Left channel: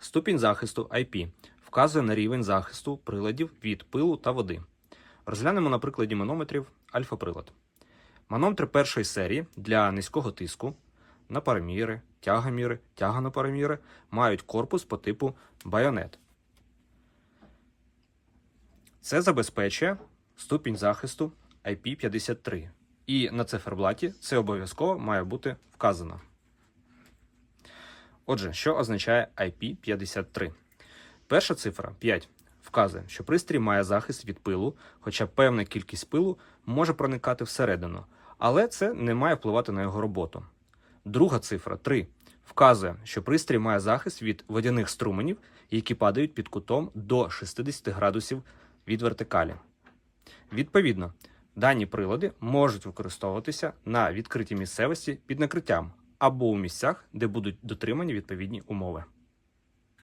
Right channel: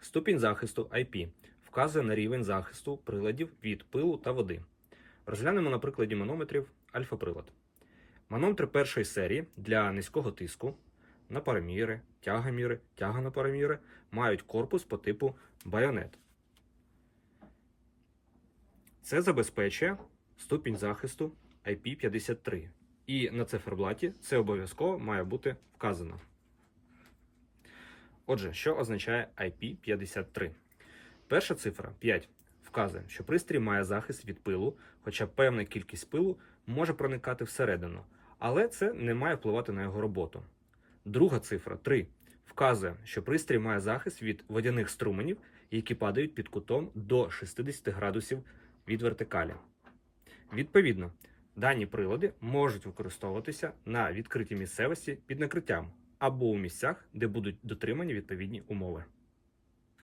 Ступінь захисту IP вказує на рівень захисту приладів від пилу та води. Розглянемо на прикладі манометрів альфа-прилад. Манометри першої серії для низького тиску, напароміри, тягоміри, тяганопароміри мають корпус по типу байонет. Це забезпечує ступінь захисту IP53. І на циферблаті це обов'язково має бути вказано. Отже, що означає IP53? Перша цифра 5 вказує, що пристрій має захист від пилу, хоча певна кількість пилу може проникати всередину, але це не має впливати на його роботу. Друга цифра 3 вказує, що пристрій має захист від водяних струменів, які падають під кутом до 60 градусів від вертикалі. Відповідно, дані прилади можуть використовуватися на відкритій місцевості під накриттям або у місцях, де будуть дотримані відповідні умови.